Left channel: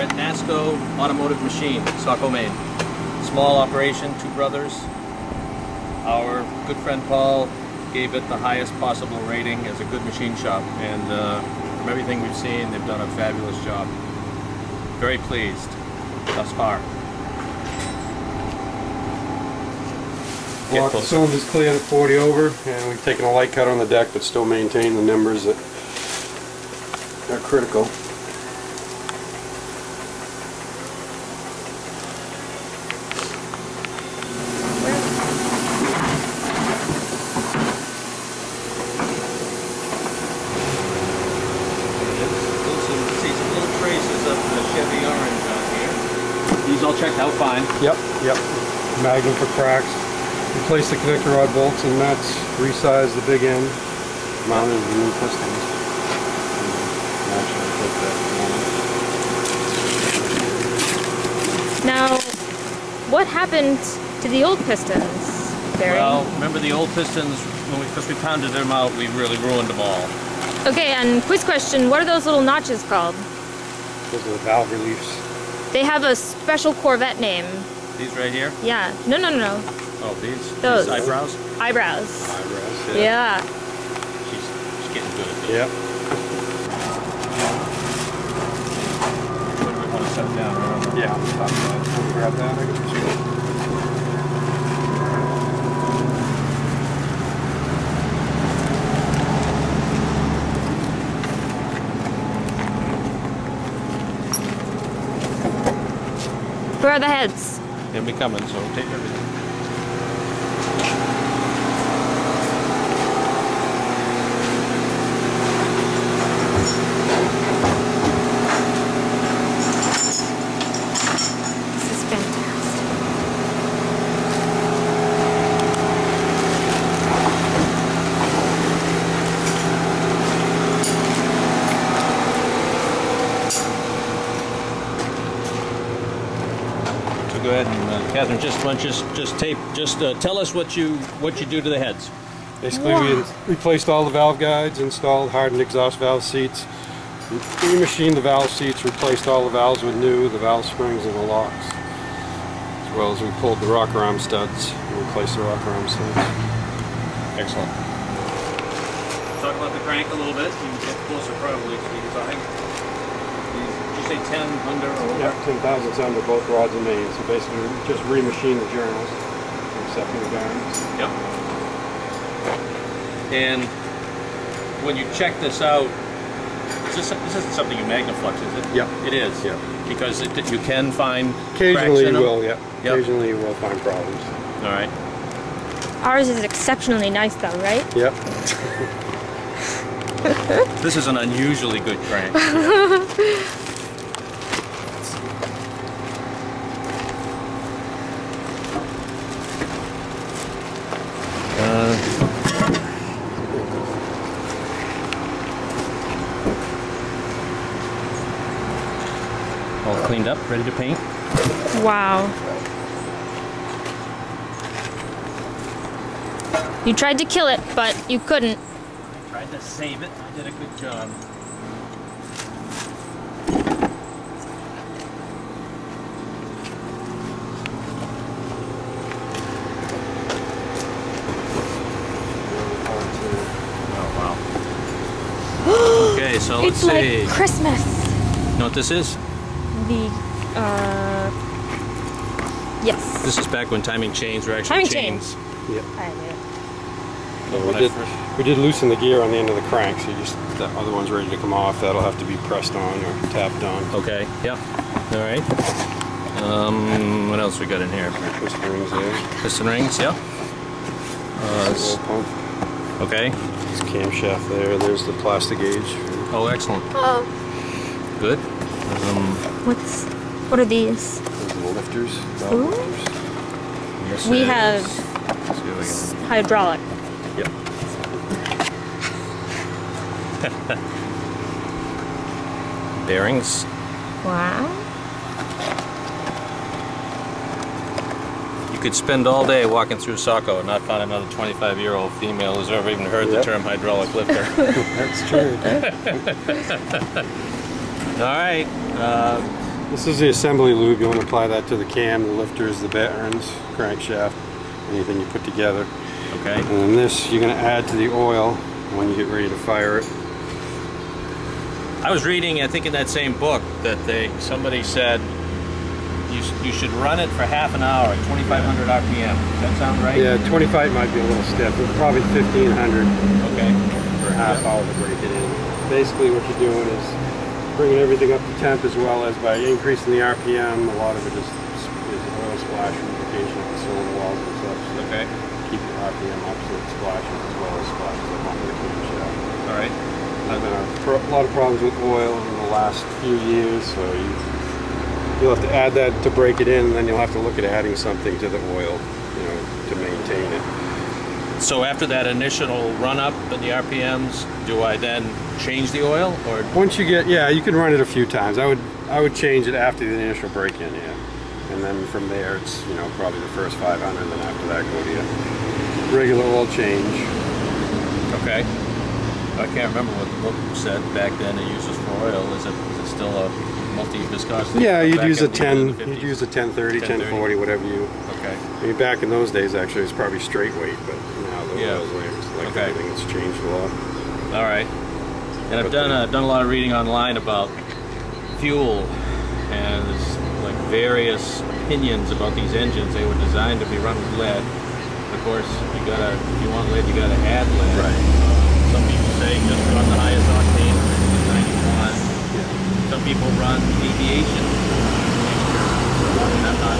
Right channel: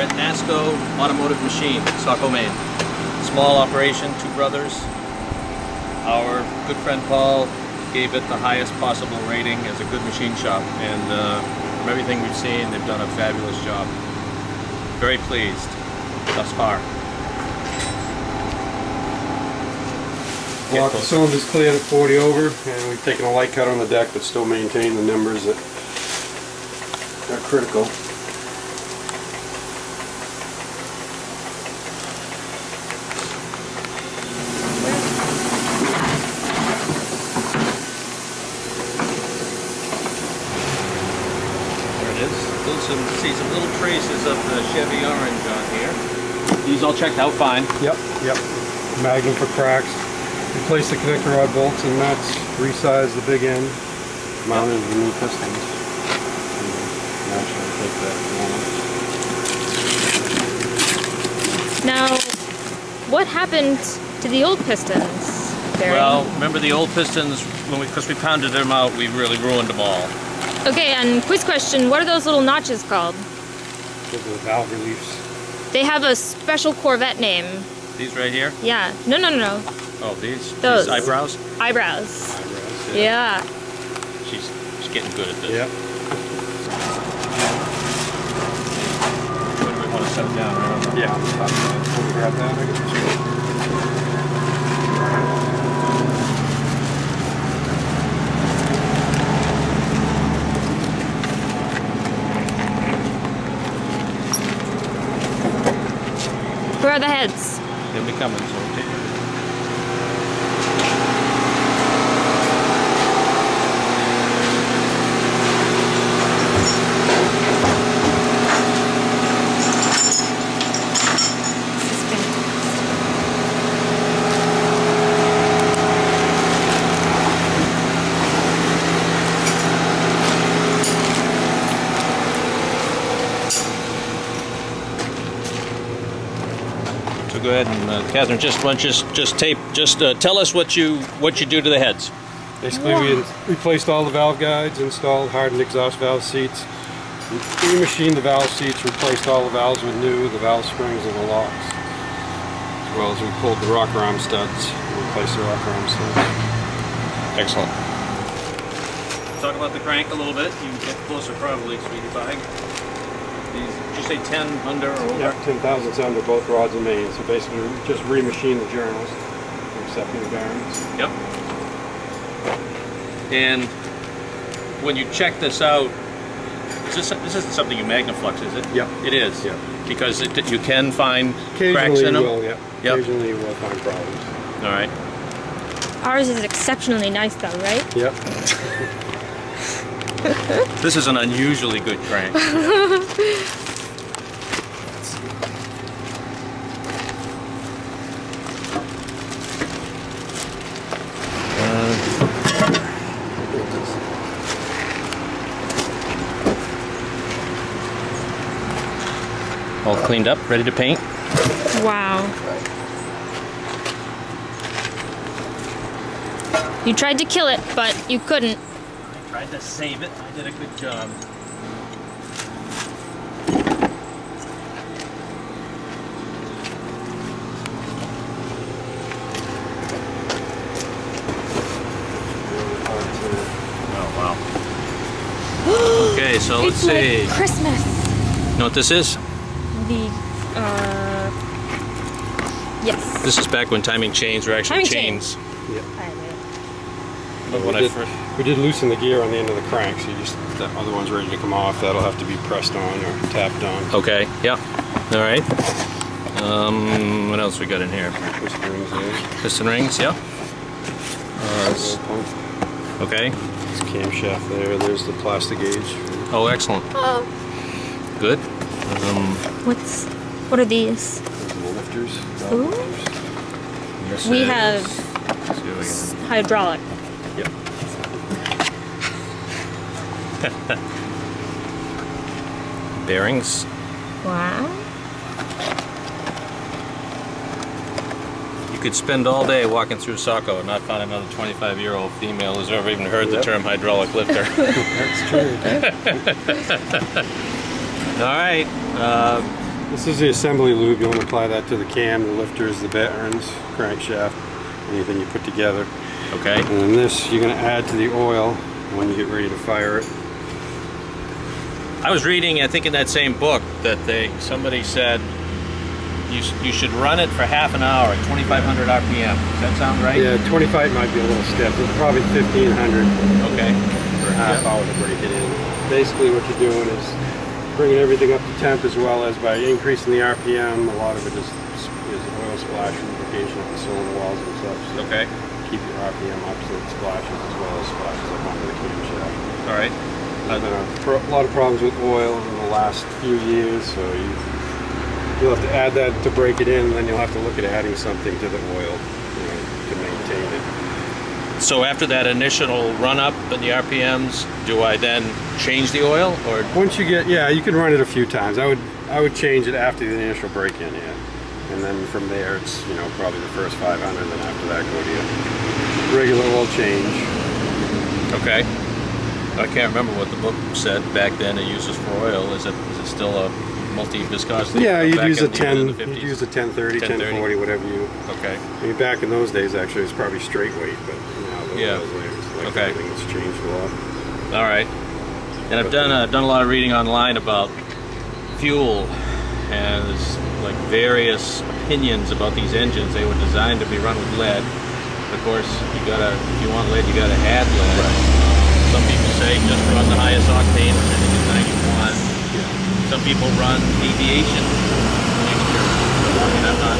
We're at NASCO Automotive Machine, Saco Maine. Small operation, two brothers. Our good friend Paul gave it the highest possible rating as a good machine shop, and from everything we've seen, they've done a fabulous job. Very pleased thus far. Block the cylinders cleared at 40 over, and we've taken a light cut on the deck, but still maintain the numbers that are critical. See some little traces of the Chevy orange on here. These all checked out fine. Yep. Magnum for cracks. Replace the connector rod bolts and nuts. Resize the big end. Mounted the new pistons. Now, what happened to the old pistons, Barry? Well, remember the old pistons, because we pounded them out, we really ruined them all. Okay, and quiz question, what are those little notches called? Those are the valve reliefs. They have a special Corvette name. These right here? Yeah. No. Oh, these? Those. These eyebrows? Eyebrows. Eyebrows, Yeah. She's getting good at this. Yep. Where do we want to set it down? Right? Yeah. Can we grab that? I guess. Where are the heads? They'll be coming, so take it. This is fantastic. So go ahead and Catherine, just tell us what you do to the heads. Basically, we replaced all the valve guides, installed hardened exhaust valve seats, re-machined the valve seats, replaced all the valves with new, the valve springs and the locks. As well as we pulled the rocker arm studs and replaced the rocker arm studs. Excellent. Talk about the crank a little bit. You can get closer probably, sweetie pie. Did you say 10 under or over? Yep, 10 thousandths under both rods and mains. So basically, we just re-machined the journals, excepting the bearings. Yep. And when you check this out, this isn't something you magnaflux, is it? Yep. It is? Yep. Because you can find cracks Occasionally in them? you will, yeah. Yep. Occasionally you will find problems. All right. Ours is exceptionally nice though, right? Yep. This is an unusually good crank. All cleaned up, ready to paint. Wow. You tried to kill it, but you couldn't. I tried to save it. I did a good job. Oh, wow. Okay, so let's see. It's like Christmas. You know what this is? Yes. This is back when timing chains were actually chains. Yep. I We did loosen the gear on the end of the crank, so the other one's ready to come off. That'll have to be pressed on or tapped on. Okay, yeah. All right. What else we got in here? Piston rings there. Piston rings, yeah. Oil pump. Okay. There's camshaft there. There's the plastic gauge. Oh, excellent. Oh. Good. What are these? Those are the lifters. Ooh. This We is- have let's see what we can- hydraulic. Yep. Bearings. Wow. You could spend all day walking through Saco and not find another 25-year-old female who's ever even heard the term hydraulic lifter. That's true. All right. This is the assembly lube. You want to apply that to the cam, the lifters, the bearings, crankshaft, anything you put together. Okay. And then this you're going to add to the oil when you get ready to fire it. I was reading, I think in that same book, that somebody said you should run it for half an hour at 2,500 RPM. Does that sound right? Yeah, 25 might be a little stiff. It's probably 1,500 Okay. for a half hour to break it in. Basically what you're doing is bringing everything up to temp, as well as by increasing the RPM. A lot of it is oil splash lubrication of the cylinder walls and such. So Okay. keep your RPM up so it splashes as well as splashes up onto the camshaft. All right. There's been a lot of problems with oil in the last few years, so you'll have to add that to break it in, and then you'll have to look at adding something to the oil, to maintain it. So after that initial run up in the RPMs, do I then change the oil, or? Once you get, yeah, you can run it a few times. I would change it after the initial break-in, yeah. And then from there, it's probably the first 500. Then after that, go to your regular oil change. Okay. I can't remember what the book said back then. It uses for oil. Is it still a multi-viscosity? Yeah, you'd back use a in the 10. the 50s? You'd use a 1030, 1040, whatever you. Okay. I mean, back in those days, actually, it's probably straight weight, but now the Yeah. oil's layers, like Okay. everything, it's changed a lot. All right. And I've done a lot of reading online about fuel, and there's like various opinions about these engines. They were designed to be run with lead. Of course, if you want lead, you gotta add lead. Right. Some people say just run the highest octane, which I think is 91. Yeah. Some people run aviation mixture. So I mean, I'm not.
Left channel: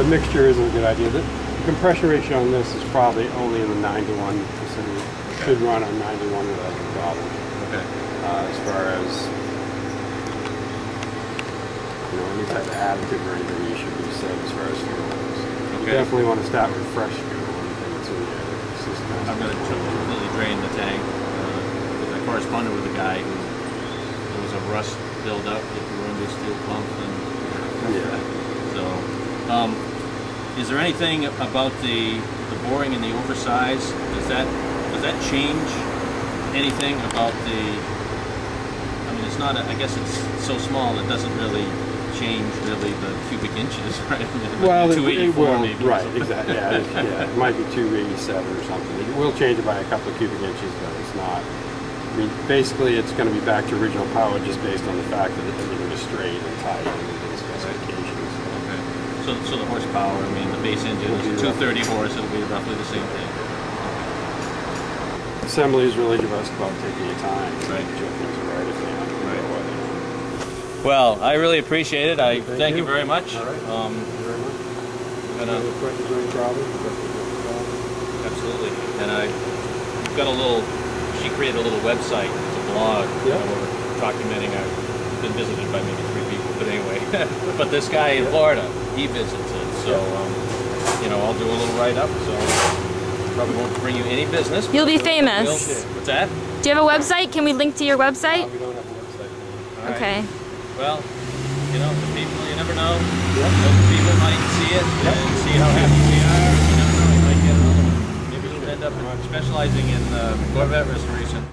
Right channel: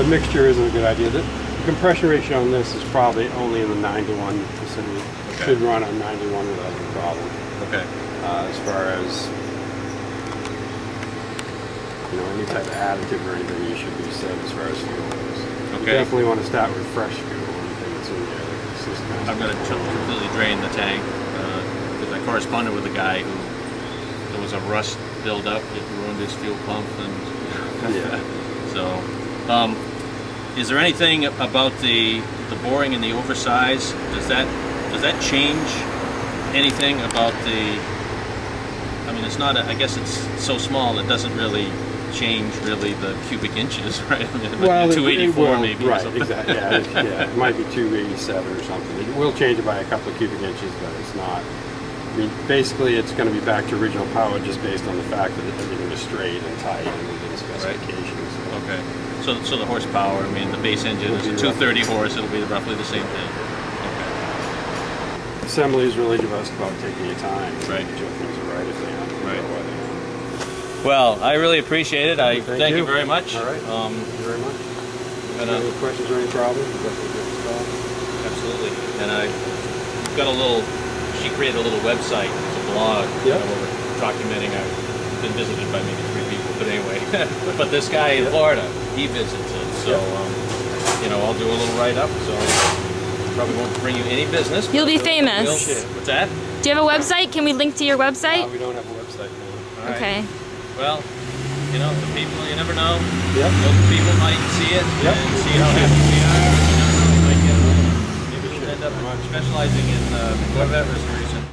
The mixture isn't a good idea. The compression ratio on this is probably only in the 9 to 1 vicinity. Okay. Should run on 9 to 1 without any problem. Okay. As far as any type of additive or anything, you should be set as far as fuel goes. You Okay. definitely want to start with fresh fuel. Anything that's in there. It's just I'm going to completely drain the tank because I corresponded with a guy who there was a rust buildup that ruined his fuel pump, and Yeah. so is there anything about the boring and the oversize? Does that change anything about the? I mean, it's not. I guess it's so small it doesn't really change the cubic inches, right? I mean, it might be 284 maybe. Right, or something. exactly. Yeah, it might be 287 or something. It will change it by a couple of cubic inches, but it's not. I mean, basically, it's going to be back to original power just based on the fact that everything is straight and tight and within specifications. Okay. So the horsepower, I mean, the base engine is a 230 horse. It'll be roughly the same thing. Okay. Assembly is really just about taking your time. Right. Make sure things are right if they aren't. Right. Or they aren't. Well, I really appreciate it. I thank you you. very much. All right. Thank you very much. And, Any questions or any problems? absolutely. And we've got a little. She created a little website. It's a blog. Yeah. Where we're documenting. I've been visited by maybe 3 people, but anyway. But this guy in Florida, he visits it. So I'll do a little write-up. So probably won't bring you any business. You'll be but famous. What's that? Do you have a website? Can we link to your website? We don't have a website now. All right. Okay. Well, the people, you never know. Yep. Local people might see it and see how happy we are. You never know, you might get a little, maybe we'll end up specializing in Corvette restoration.